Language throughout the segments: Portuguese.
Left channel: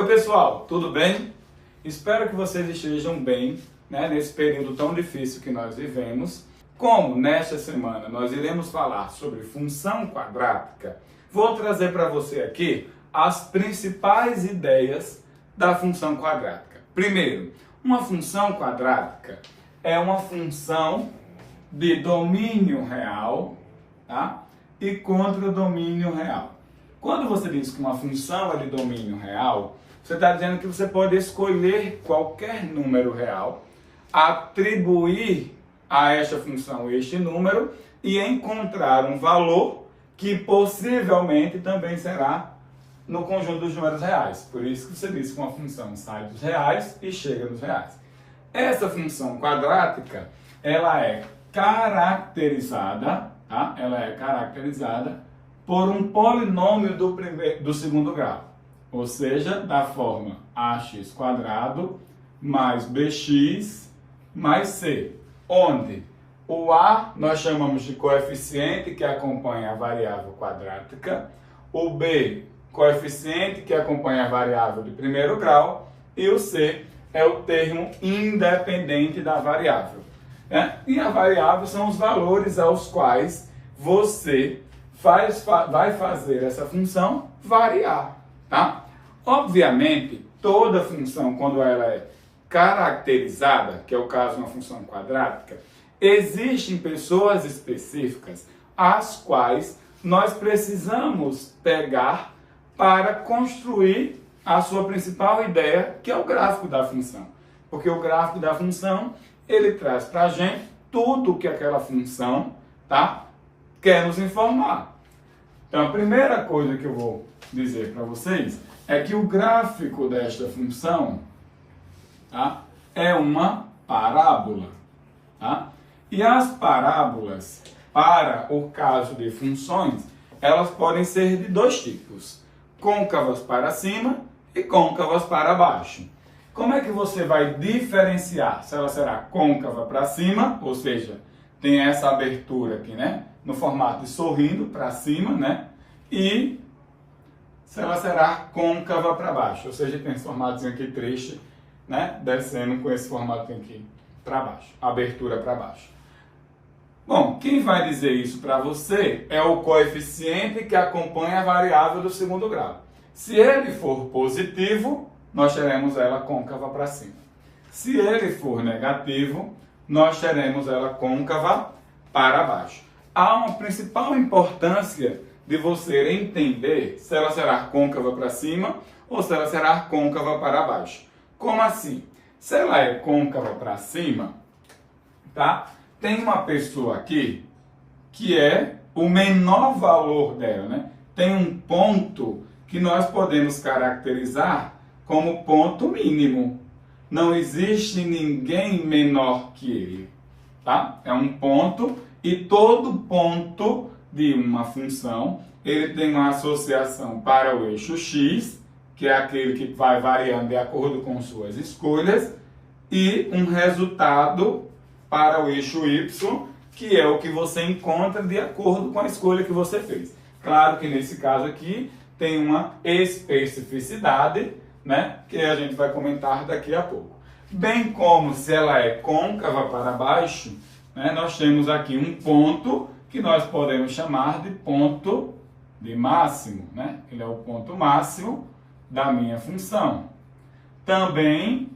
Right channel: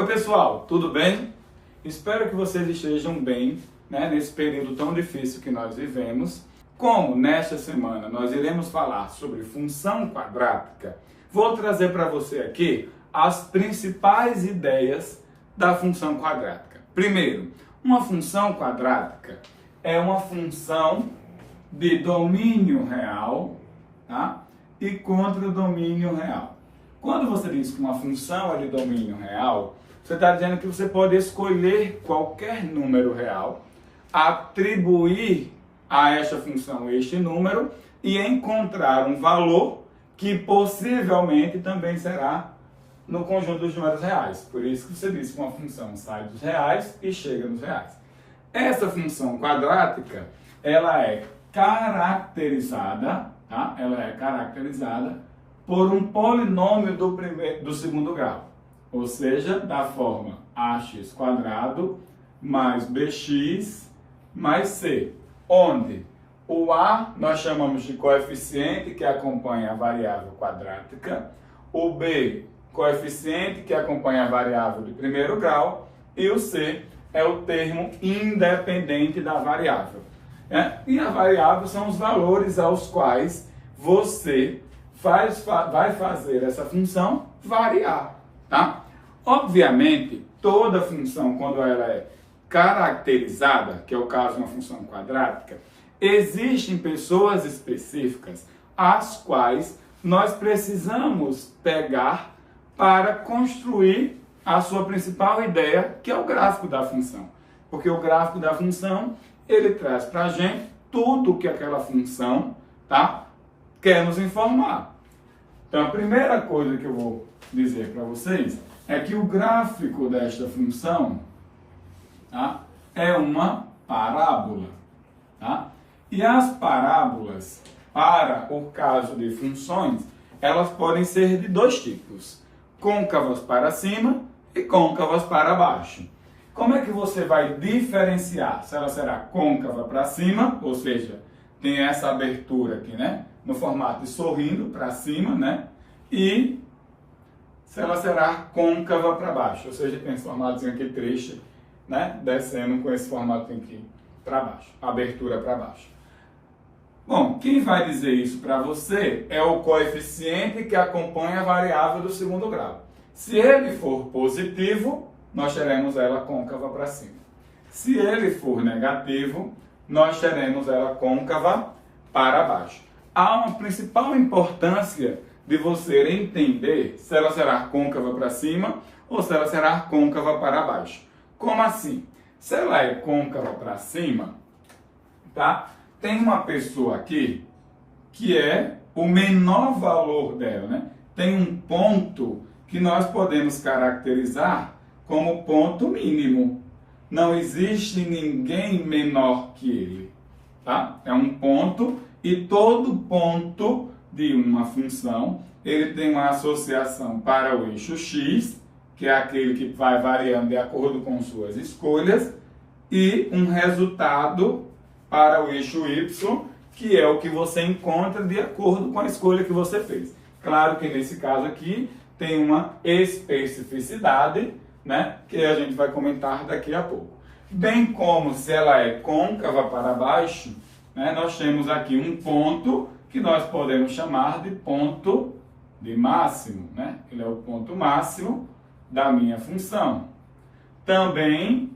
Oi pessoal, tudo bem? Espero que vocês estejam bem, nesse período tão difícil que nós vivemos. Como nesta semana nós iremos falar sobre função quadrática, vou trazer para você aqui as principais ideias da função quadrática. Primeiro, uma função quadrática é uma função de domínio real, tá? E contra domínio real. Quando você diz que uma função é de domínio real, você está dizendo que você pode escolher qualquer número real, atribuir a esta função este número e encontrar um valor que possivelmente também será no conjunto dos números reais. Por isso que você diz que uma função sai dos reais e chega nos reais. Essa função quadrática, ela é caracterizada, tá? Ela é caracterizada por um polinômio do segundo grau, ou seja, da forma ax² mais bx mais c, onde o a nós chamamos de coeficiente que acompanha a variável quadrática, o b, coeficiente que acompanha a variável de primeiro grau, e o c é o termo independente da variável. E a variável são os valores aos quais você vai fazer essa função variar, tá? Obviamente, toda função, quando ela é caracterizada, que é o caso de uma função quadrática, existem pessoas específicas as quais nós precisamos pegar para construir a sua principal ideia, que é o gráfico da função. Porque o gráfico da função, ele traz para a gente tudo que aquela função, tá, quer nos informar. Então, a primeira coisa que eu vou dizer para vocês é que o gráfico desta função, tá, é uma parábola. Tá? E as parábolas, para o caso de funções, elas podem ser de dois tipos: côncavas para cima e côncavas para baixo. Como é que você vai diferenciar se ela será côncava para cima, ou seja, tem essa abertura aqui, no formato de sorrindo para cima, e se ela será côncava para baixo, ou seja, tem esse formatinho aqui triste, descendo com esse formato aqui para baixo, abertura para baixo. Bom, quem vai dizer isso para você é o coeficiente que acompanha a variável do segundo grau. Se ele for positivo, nós teremos ela côncava para cima. Se ele for negativo, nós teremos ela côncava para baixo. Há uma principal importância de você entender se ela será côncava para cima ou se ela será côncava para baixo. Como assim? Se ela é côncava para cima, tá? Tem uma pessoa aqui que é o menor valor dela, Tem um ponto que nós podemos caracterizar como ponto mínimo. Não existe ninguém menor que ele, tá? É um ponto, e todo ponto de uma função, ele tem uma associação para o eixo x, que é aquele que vai variando de acordo com suas escolhas, e um resultado para o eixo y, que é o que você encontra de acordo com a escolha que você fez. Claro que nesse caso aqui tem uma especificidade, que a gente vai comentar daqui a pouco. Bem como se ela é côncava para baixo, nós temos aqui um ponto que nós podemos chamar de ponto de máximo, Ele é o ponto máximo da minha função. Também,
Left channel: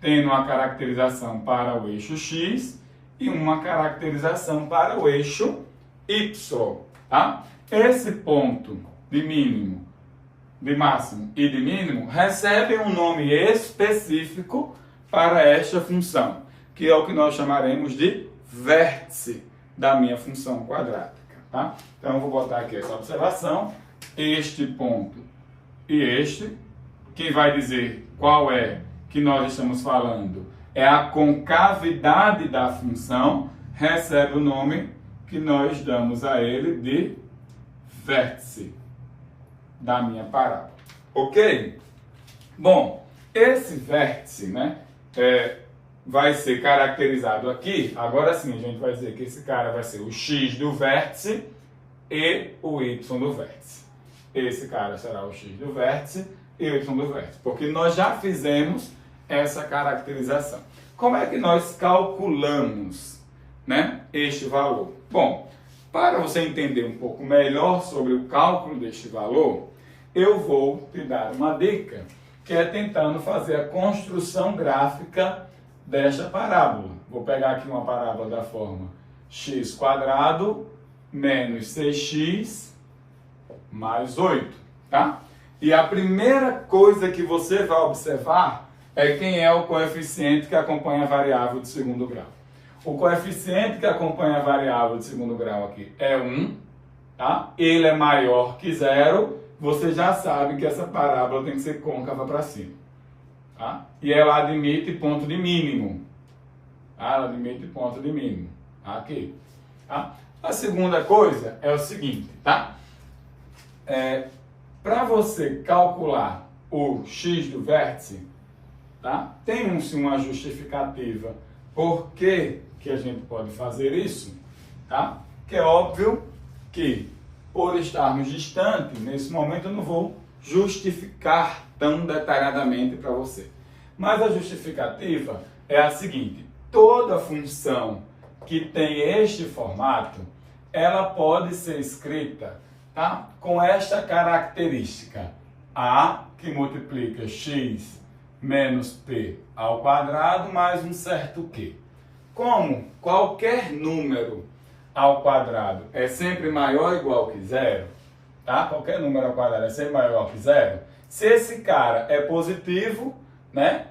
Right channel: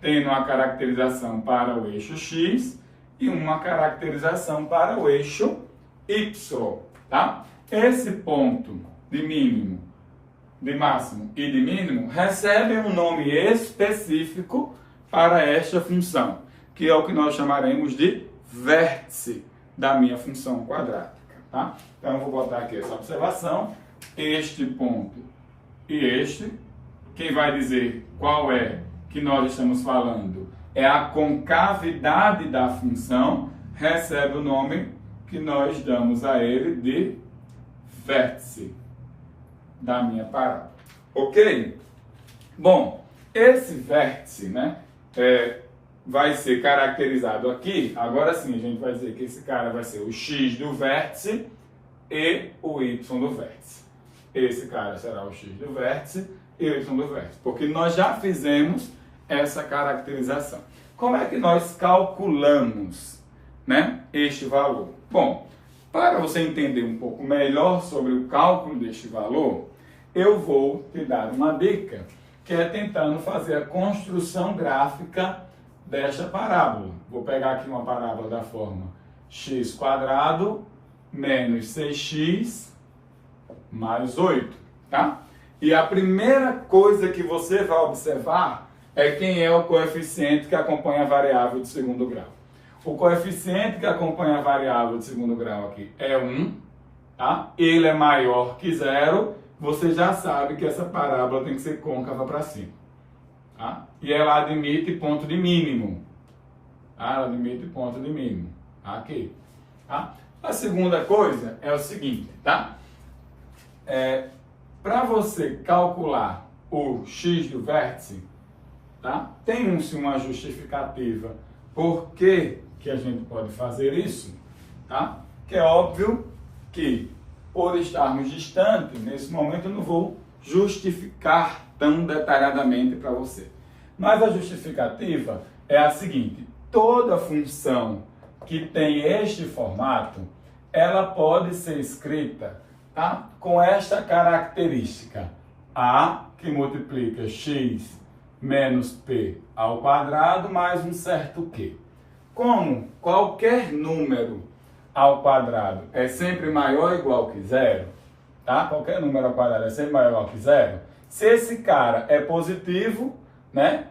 tendo uma caracterização para o eixo x e uma caracterização para o eixo y, tá? Esse ponto de mínimo, de máximo e de mínimo recebem um nome específico para esta função, que é o que nós chamaremos de vértice da minha função quadrática, tá? Então, eu vou botar aqui essa observação, este ponto e este. Quem vai dizer qual é que nós estamos falando é a concavidade da função, recebe o nome que nós damos a ele de vértice da minha parábola. Ok? Bom, esse vértice, vai ser caracterizado aqui. Agora sim, a gente vai dizer que esse cara vai ser o x do vértice e o y do vértice. Esse cara será o x do vértice e o y do vértice, porque nós já fizemos essa caracterização. Como é que nós calculamos, né, este valor? Bom, para você entender um pouco melhor sobre o cálculo deste valor, eu vou te dar uma dica, que é tentando fazer a construção gráfica desta parábola. Vou pegar aqui uma parábola da forma x² menos 6x mais 8, tá? E a primeira coisa que você vai observar é quem é o coeficiente que acompanha a variável de segundo grau. O coeficiente que acompanha a variável de segundo grau aqui é 1, tá? Ele é maior que 0, você já sabe que essa parábola tem que ser côncava para cima, tá? E ela admite ponto de mínimo, tá? Ela admite ponto de mínimo, aqui, tá? A segunda coisa é o seguinte, tá? Para você calcular o x do vértice, tá? Tem-se uma justificativa por que a gente pode fazer isso, tá? Que é óbvio que, por estarmos distantes, nesse momento eu não vou justificar tão detalhadamente para você. Mas a justificativa é a seguinte: toda função que tem este formato, ela pode ser escrita, tá, com esta característica: a, que multiplica x menos p ao quadrado mais um certo q. Como qualquer número ao quadrado é sempre maior ou igual que zero, tá? Qualquer número ao quadrado é sempre maior ou igual que zero. Se esse cara é positivo, né,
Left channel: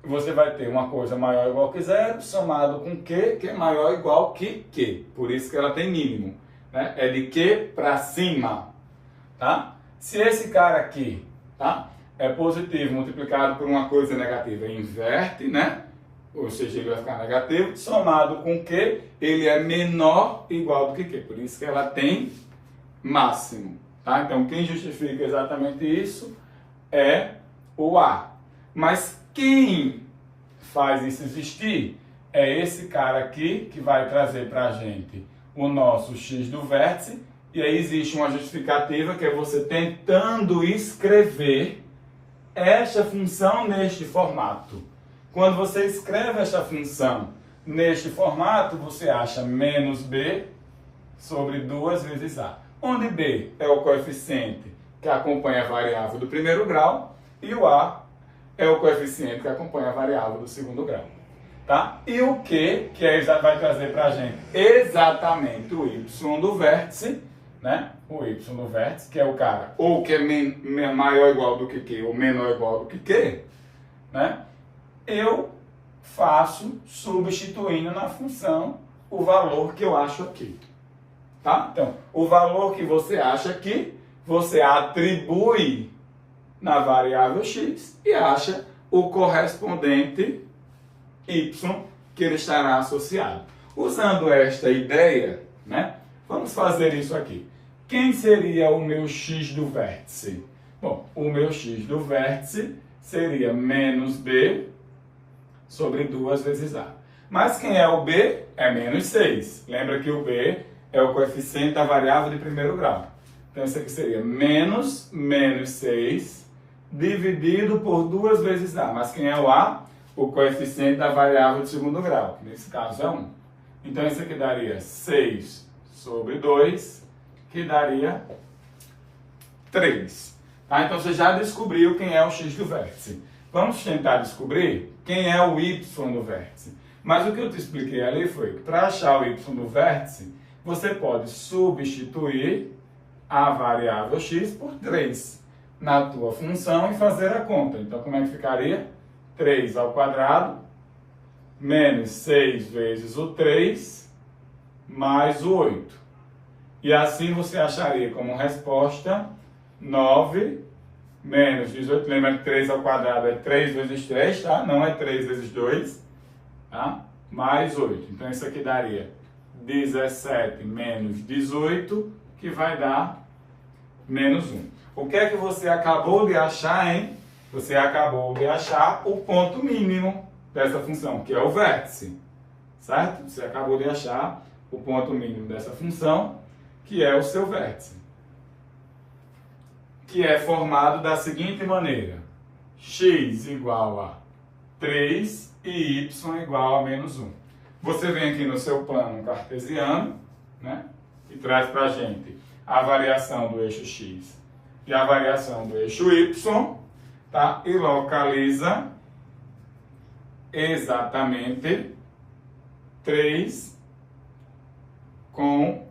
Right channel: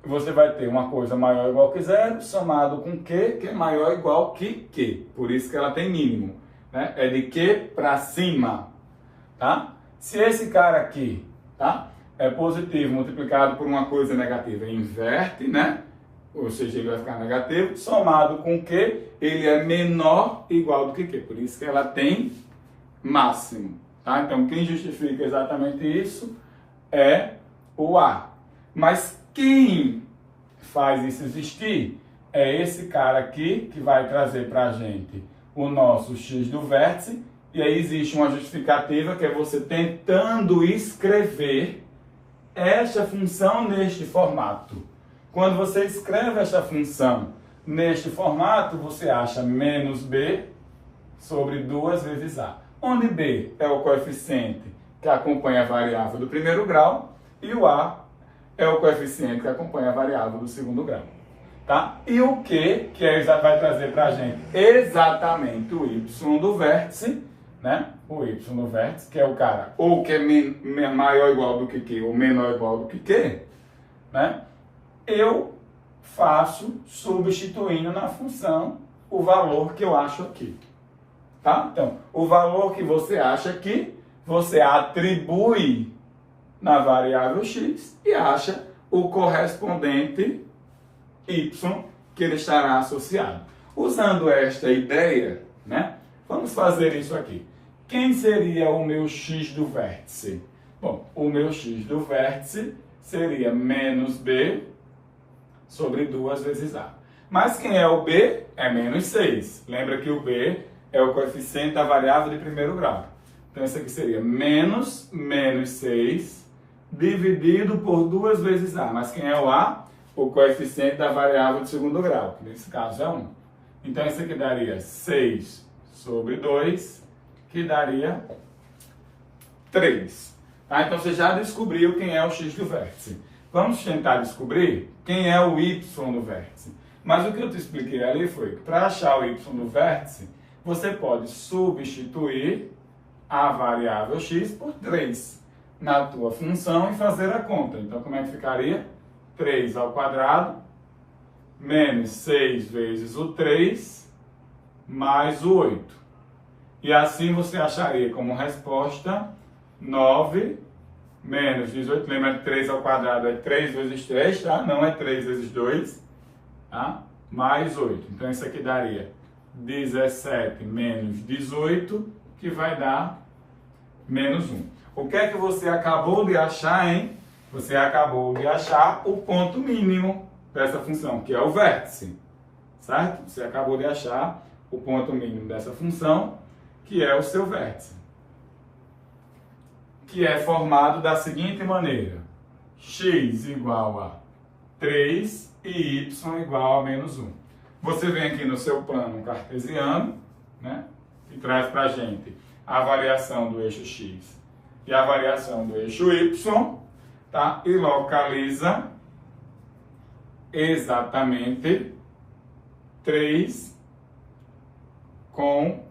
você vai ter uma coisa maior ou igual que zero somado com q, que é maior ou igual que q. Por isso que ela tem mínimo, né? É de q para cima, tá? Se esse cara aqui, tá, é positivo multiplicado por uma coisa negativa, inverte, né? Ou seja, ele vai ficar negativo, somado com Q, ele é menor ou igual do que Q. Por isso que ela tem máximo, tá? Então, quem justifica exatamente isso é o A. Mas quem faz isso existir é esse cara aqui, que vai trazer para a gente o nosso x do vértice. E aí existe uma justificativa, que é você tentando escrever esta função neste formato. Quando você escreve esta função neste formato, você acha menos b sobre 2 vezes a, onde b é o coeficiente que acompanha a variável do primeiro grau e o a é o coeficiente que acompanha a variável do segundo grau, tá? E o q, vai trazer para a gente exatamente o y do vértice, né? O y do vértice, que é o cara ou que é maior ou igual do que q ou menor ou igual do que q, né? Eu faço substituindo na função o valor que eu acho aqui, tá? Então, o valor que você acha aqui, você atribui na variável x e acha o correspondente y que ele estará associado. Usando esta ideia, né? Vamos fazer isso aqui. Quem seria o meu x do vértice? Bom, o meu x do vértice seria menos b sobre 2 vezes a. Mas quem é o b? É menos 6. Lembra que o b é o coeficiente da variável de primeiro grau. Então, isso aqui seria menos 6 dividido por 2 vezes a. Mas quem é o a? O coeficiente da variável de segundo grau, que nesse caso é 1. Então, isso aqui daria 6 sobre 2, que daria 3. Tá? Então, você já descobriu quem é o x do vértice. Vamos tentar descobrir quem é o y do vértice. Mas o que eu te expliquei ali foi que para achar o y do vértice, você pode substituir a variável x por 3 na tua função e fazer a conta. Então, como é que ficaria? 3 ao quadrado menos 6 vezes o 3 mais o 8. E assim você acharia como resposta 9 menos 18, lembra que 3 ao quadrado é 3 vezes 3, tá? Não é 3 vezes 2, tá? Mais 8. Então, isso aqui daria 17 menos 18, que vai dar menos 1. O que é que você acabou de achar, hein? Você acabou de achar o ponto mínimo dessa função, que é o vértice, certo? Você acabou de achar o ponto mínimo dessa função, que é o seu vértice. que é formado da seguinte maneira: x igual a 3 e y igual a menos 1. Você vem aqui no seu plano cartesiano, né, e traz para a gente a variação do eixo x e a variação do eixo y, tá? E localiza exatamente 3 com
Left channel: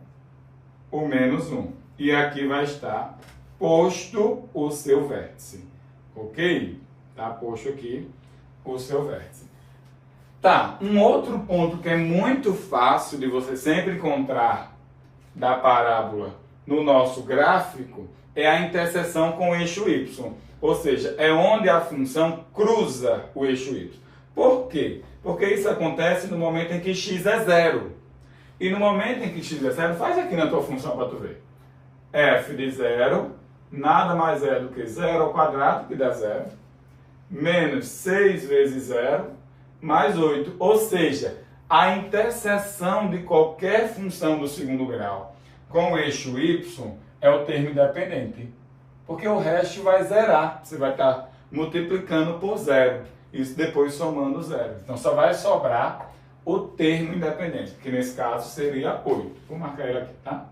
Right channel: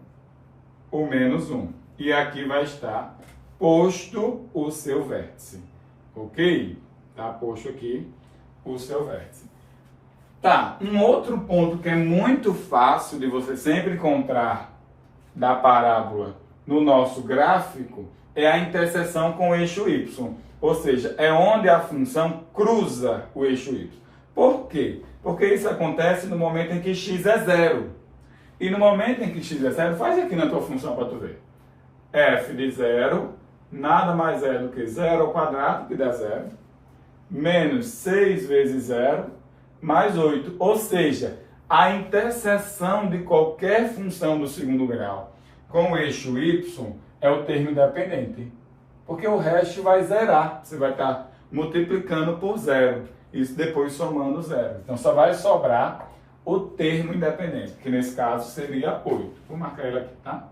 o menos 1. E aqui vai estar posto o seu vértice. Ok? Tá posto aqui o seu vértice. Tá, um outro ponto que é muito fácil de você sempre encontrar da parábola no nosso gráfico é a interseção com o eixo y. Ou seja, é onde a função cruza o eixo y. Por quê? Porque isso acontece no momento em que x é 0. E no momento em que x é 0, faz aqui na tua função para tu ver. F de 0 nada mais é do que 0 ao quadrado, que dá 0, menos 6 vezes 0, mais 8. Ou seja, a interseção de qualquer função do segundo grau com o eixo y é o termo independente. Porque o resto vai zerar. Você vai estar multiplicando por 0. Isso depois somando 0. Então só vai sobrar o termo independente, que nesse caso seria 8. Vou marcar ele aqui, tá?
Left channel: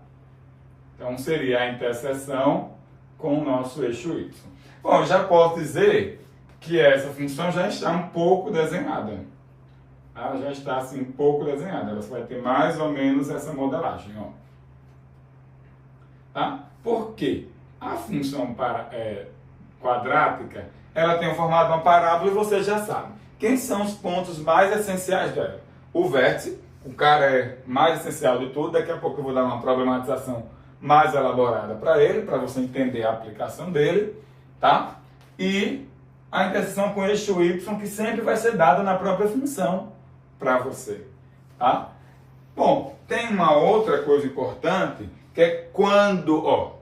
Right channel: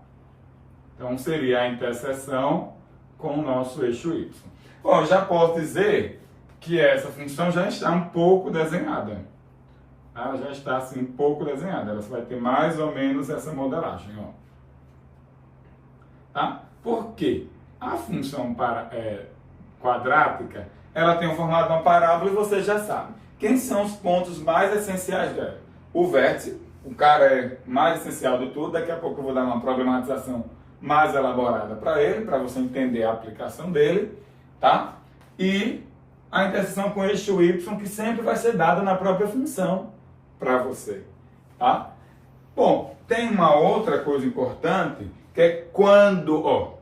Então seria a interseção com o nosso eixo y. Bom, já posso dizer que essa função já está um pouco desenhada. Ela já está assim um pouco desenhada. Ela vai ter mais ou menos essa modelagem, ó. Tá? Por quê? A função quadrática, ela tem o formato de uma parábola e você já sabe. Quem são os pontos mais essenciais dela? O vértice, o cara é mais essencial de tudo. Daqui a pouco eu vou dar uma problematização mais elaborada para ele, para você entender a aplicação dele, tá? E a interseção com o eixo y, que sempre vai ser dada na própria função para você, tá? Bom, tem uma outra coisa importante, que é quando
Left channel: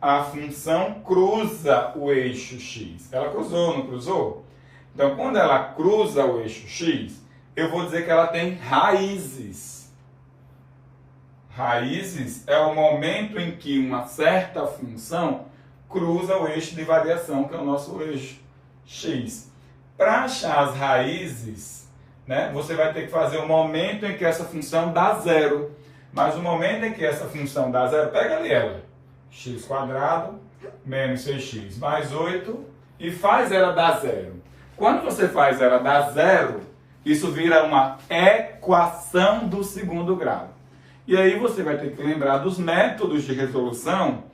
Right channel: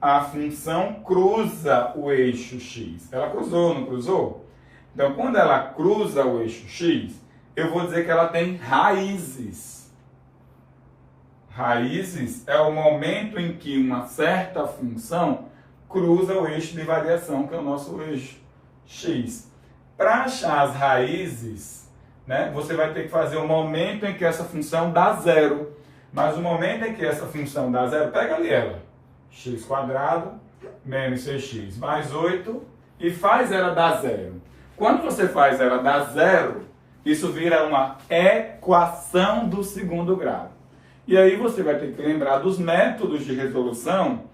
a função cruza o eixo x. Ela cruzou, não cruzou? Então, quando ela cruza o eixo x, eu vou dizer que ela tem raízes. Raízes é o momento em que uma certa função cruza o eixo de variação, que é o nosso eixo x. Para achar as raízes, né, você vai ter que fazer o momento em que essa função dá 0. Mas o momento em que essa função dá 0, pega ali ela. x² menos 6x mais 8 e faz ela dar 0. Quando você faz ela dar 0, isso vira uma equação do segundo grau. E aí você vai ter que lembrar dos métodos de resolução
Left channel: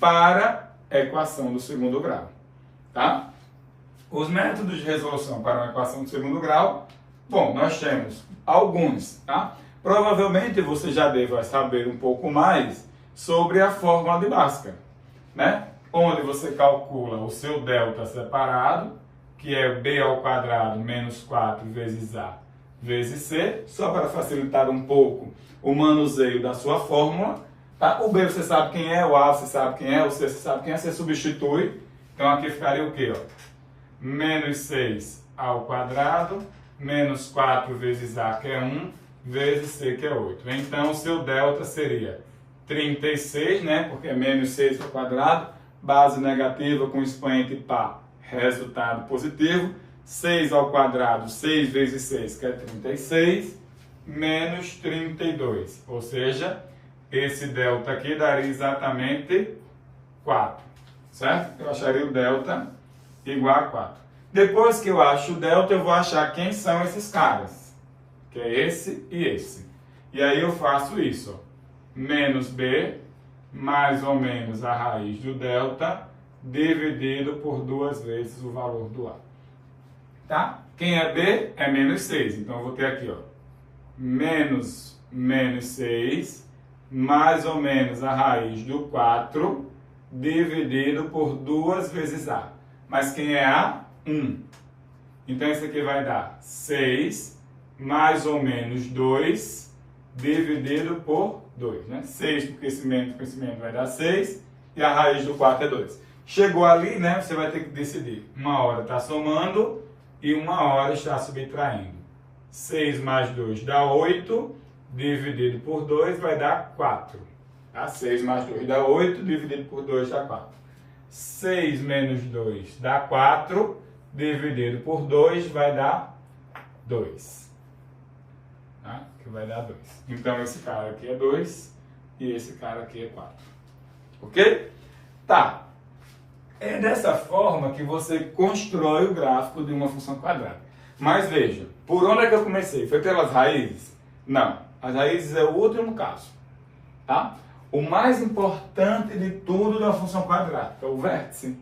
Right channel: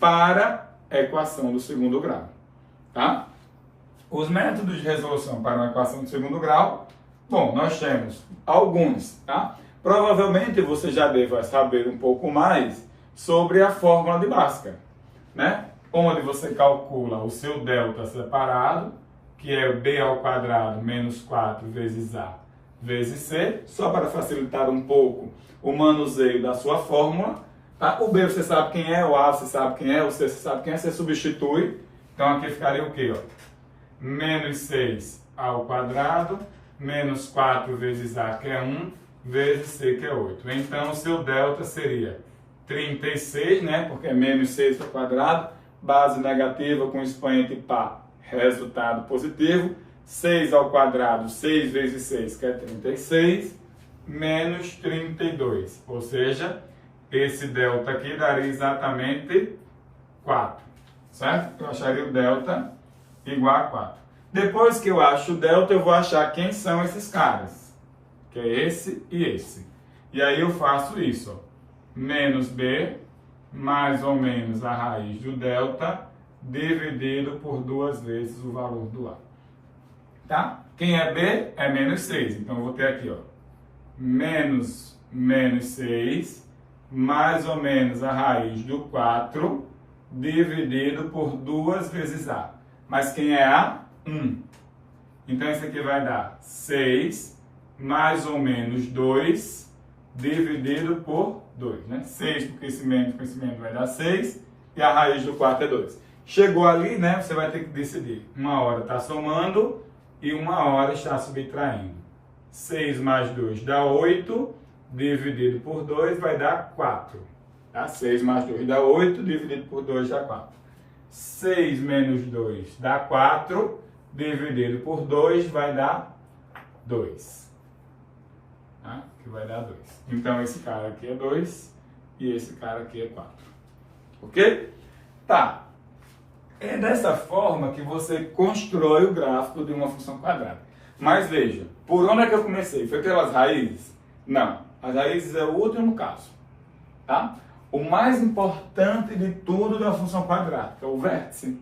para a equação do segundo grau. Tá? Os métodos de resolução para uma equação do segundo grau, bom, nós temos alguns, tá? Provavelmente você já deva saber um pouco mais sobre a fórmula de Bhaskara, né? Onde você calcula o seu delta separado, que é b² menos 4 vezes a vezes c, só para facilitar um pouco o manuseio da sua fórmula, tá? O b você sabe quem é, o a você sabe quem é, o c você sabe quem é, você substitui. Então aqui ficaria o quê? Ó? Menos 6 ao quadrado, menos 4 vezes a, que é 1, vezes c, que é 8. Então o seu delta seria 36, né? Porque é menos 6 ao quadrado, base negativa com expoente par, resultado positivo. 6 ao quadrado, 6 vezes 6, que é 36, menos 32. Ou seja, esse delta aqui daria exatamente 4, certo? Eu acharia o delta igual a 4. Depois que eu acho o delta, eu vou achar quem são esses caras, que é esse e esse. E aí eu faço isso, ó. Menos b, mais ou menos a raiz do delta, dividido por 2 vezes o valor do a. Tá? Quem é b é menos 6. Então eu vou ter aqui, ó, menos 6, mais ou menos a raiz do 4, dividido por 2 vezes a. Mas quem é a? 1. Então isso aqui vai dar 6, mais ou menos 2, dividido por 2. Né? 6 do crescimento vai dar 6, e a raiz do 4 é 2. Chegou ali, né, você vai ter que decidir. Uma hora está somando e uma hora está subtraindo. 6 mais 2 dá 8, dividido por 2 vai dar 4. Tá? 6 mais 2 dá 8, dividido por 2 dá 4. 6 menos 2 dá 4, dividido por 2 vai dar 2. Tá? Que vai dar 2. Então, esse cara aqui é 2 e esse cara aqui é 4. Ok? Tá. É dessa forma que você constrói o gráfico de uma função quadrada. Mas veja, por onde é que eu comecei? Foi pelas raízes? Não. As raízes é o último caso. Tá? O mais importante de tudo da função quadrática é o vértice.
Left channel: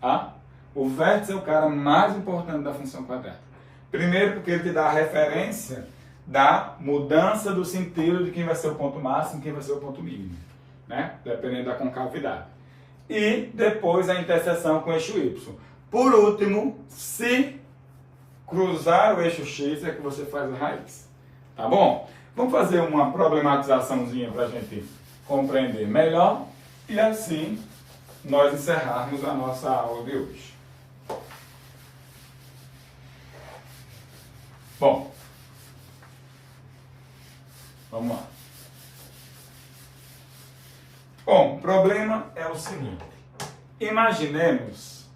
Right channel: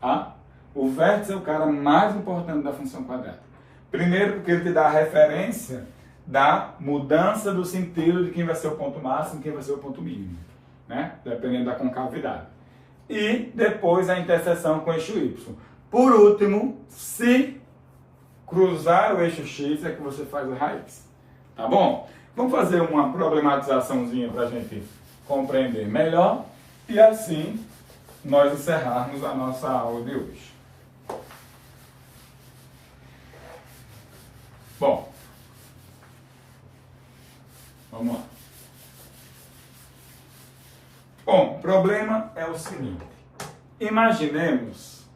Tá? O vértice é o cara mais importante da função quadrática. Primeiro porque ele te dá a referência da mudança do sentido de quem vai ser o ponto máximo e quem vai ser o ponto mínimo, né? Dependendo da concavidade. E depois a interseção com o eixo Y. Por último, se cruzar o eixo X é que você faz a raiz. Tá bom? Vamos fazer uma problematizaçãozinha para a gente compreender melhor e assim nós encerrarmos a nossa aula de hoje. Bom, vamos lá. Bom, o problema é o seguinte. Imaginemos,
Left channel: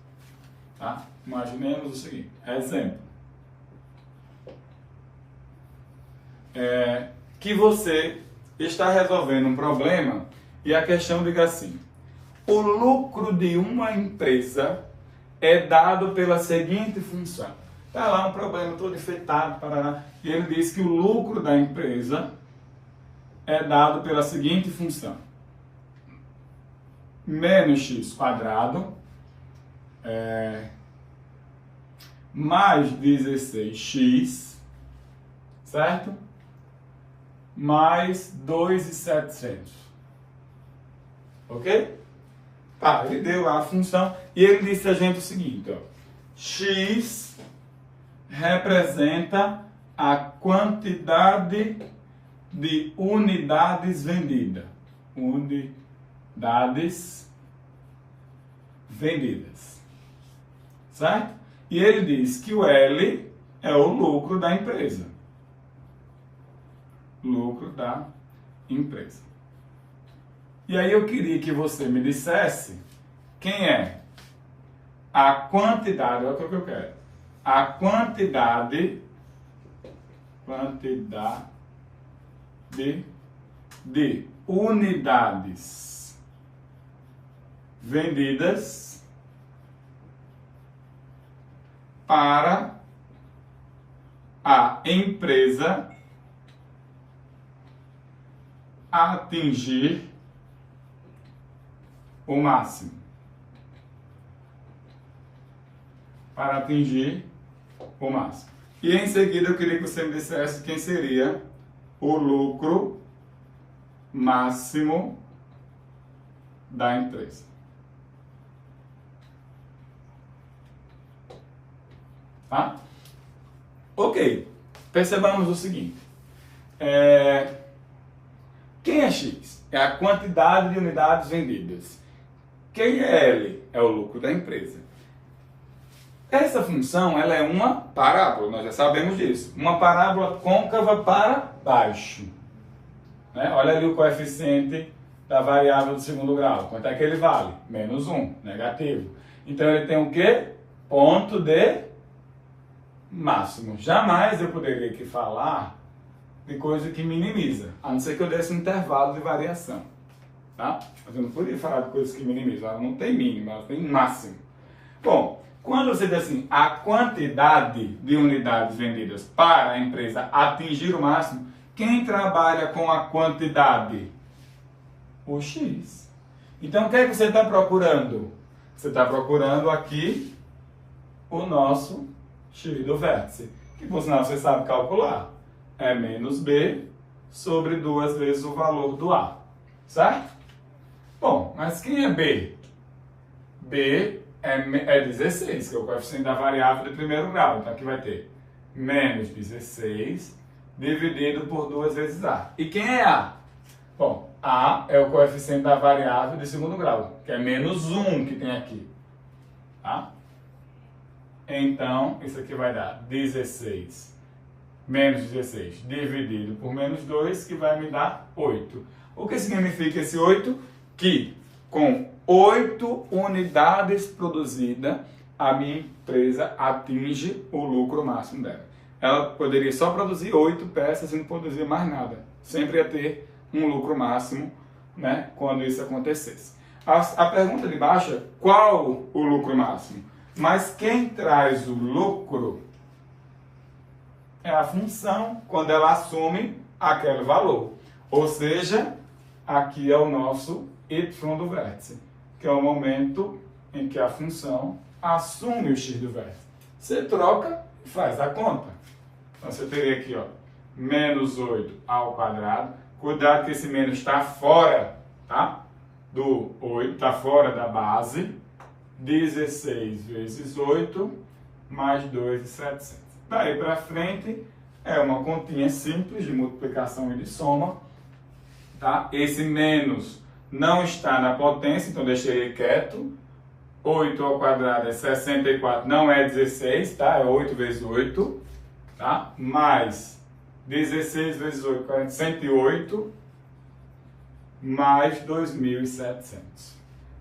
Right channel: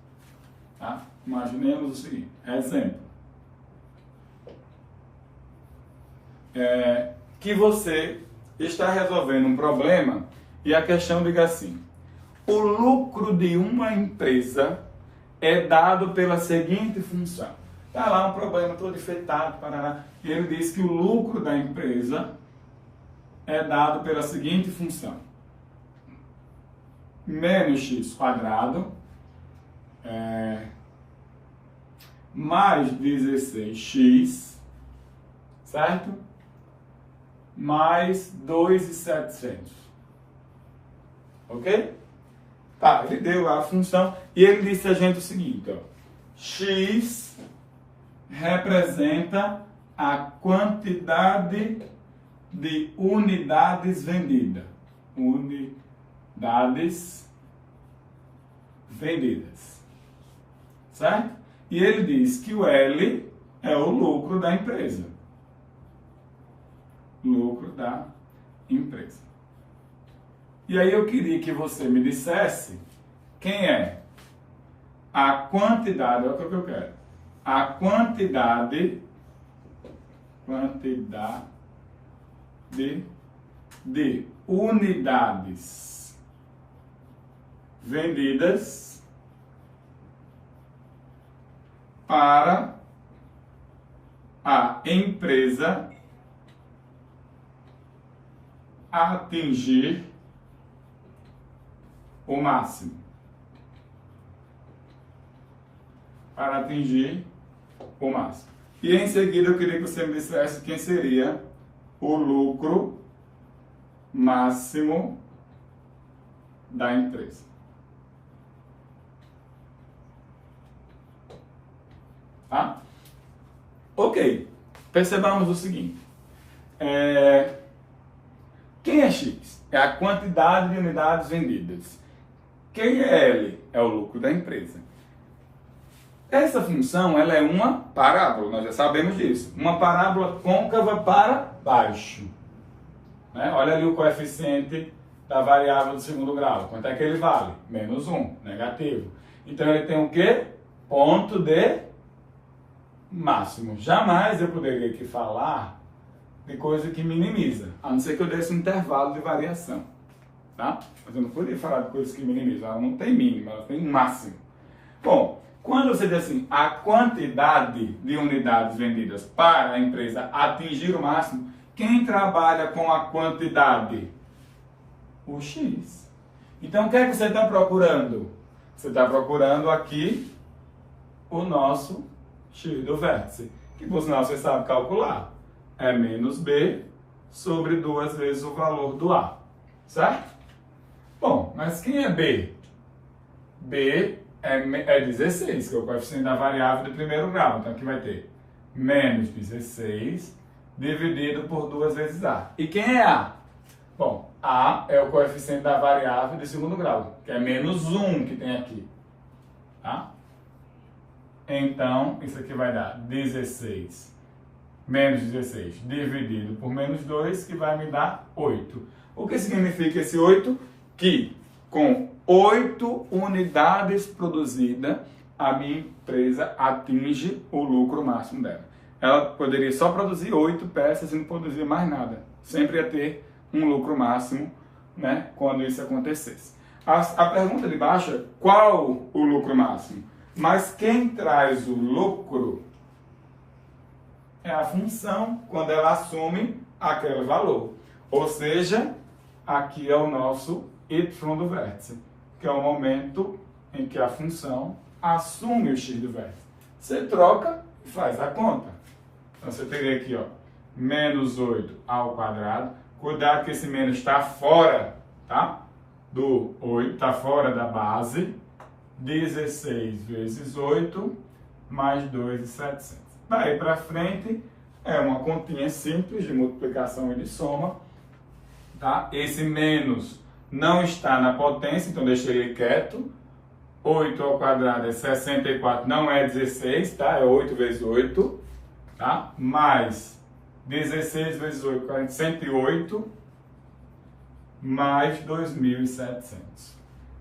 tá? Imaginemos o seguinte, exemplo. Que você está resolvendo um problema e a questão diga assim: o lucro de uma empresa é dado pela seguinte função. Está lá um problema todo enfeitado, e ele diz que o lucro da empresa é dado pela seguinte função: menos x quadrado mais 16x, certo? Mais 2.700. Ok? Tá, ele deu lá a função e ele disse a gente o seguinte, ó, x representa a quantidade de unidades vendidas. Unidades vendidas. Certo? E ele diz que o L é o lucro da empresa. Lucro da empresa. E aí eu queria que você me dissesse quem é a quantidade, olha o que eu quero, a quantidade de unidades vendidas para a empresa atingir o máximo. Para atingir o máximo. E em seguida eu queria que você me dissesse quem seria o lucro máximo da empresa. Tá? Ok. Percebamos o seguinte. Quem é X? É a quantidade de unidades vendidas. Quem é L? É o lucro da empresa. Essa função ela é uma parábola, nós já sabemos disso. Uma parábola côncava para baixo. Né? Olha ali o coeficiente da variável do segundo grau. Quanto é que ele vale? Menos 1, negativo. Então ele tem o quê? Ponto de máximo. Jamais eu poderia aqui falar de coisa que minimiza, a não ser que eu desse um intervalo de variação. Tá? Mas eu não poderia falar de coisas que minimizam. Ela não tem mínimo, ela tem máximo. Bom, quando você diz assim, a quantidade de unidades vendidas para a empresa atingir o máximo, quem trabalha com a quantidade? O X. Então, o que é que você está procurando? Você está procurando aqui o nosso X do vértice, que por sinal você sabe calcular. É menos B sobre 2 vezes o valor do A. Certo? Bom, mas quem é B? B é 16, que é o coeficiente da variável de primeiro grau. Então aqui vai ter menos 16 dividido por 2 vezes A. E quem é A? Bom, A é o coeficiente da variável de segundo grau, que é menos 1 que tem aqui. Tá? Então, isso aqui vai dar 16 menos 16 dividido por menos 2, que vai me dar 8. O que significa esse 8? Que com 8 unidades produzidas, a minha empresa atinge o lucro máximo dela. Ela poderia só produzir 8 peças e não produzir mais nada. Sempre ia ter um lucro máximo, né, quando isso acontecesse. A pergunta de baixo é qual o lucro máximo? Mas quem traz o lucro é a função quando ela assume aquele valor. Ou seja, aqui é o nosso y do vértice, que é o momento em que a função assume o x do vértice. Você troca e faz a conta. Então você teria aqui, ó, menos 8 ao quadrado. Cuidado que esse menos está fora, tá? Do 8, está fora da base. 16 vezes 8 mais 2.700. Daí para frente é uma continha simples de multiplicação e de soma, tá? Esse menos não está na potência, então deixei ele quieto. 8 ao quadrado é 64, não é 16, tá? É 8 vezes 8, tá? Mais 16 vezes 8, 108, mais 2.700.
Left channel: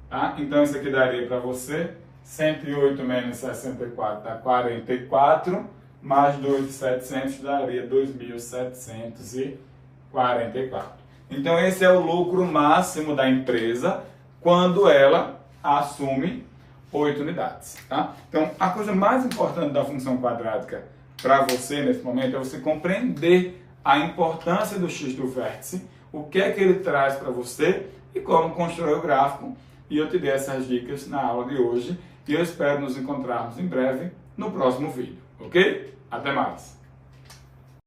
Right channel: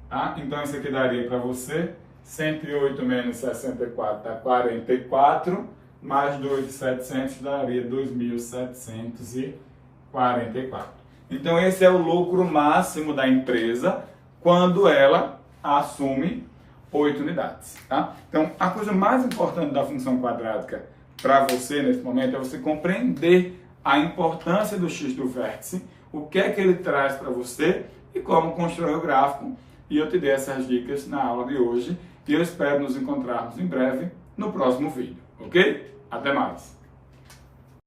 Tá? Então, isso aqui daria para você 108 menos 64 dá 44, mais 2.700 daria 2.744. Então, esse é o lucro máximo da empresa quando ela assume 8 unidades. Tá? Então, a coisa mais importante da função quadrática para você nesse momento é você compreender a importância do x do vértice, o que é que ele traz para você e como constrói o gráfico. E eu te dei essas dicas na aula de hoje e eu espero nos encontrarmos em breve no próximo vídeo, ok? Até mais!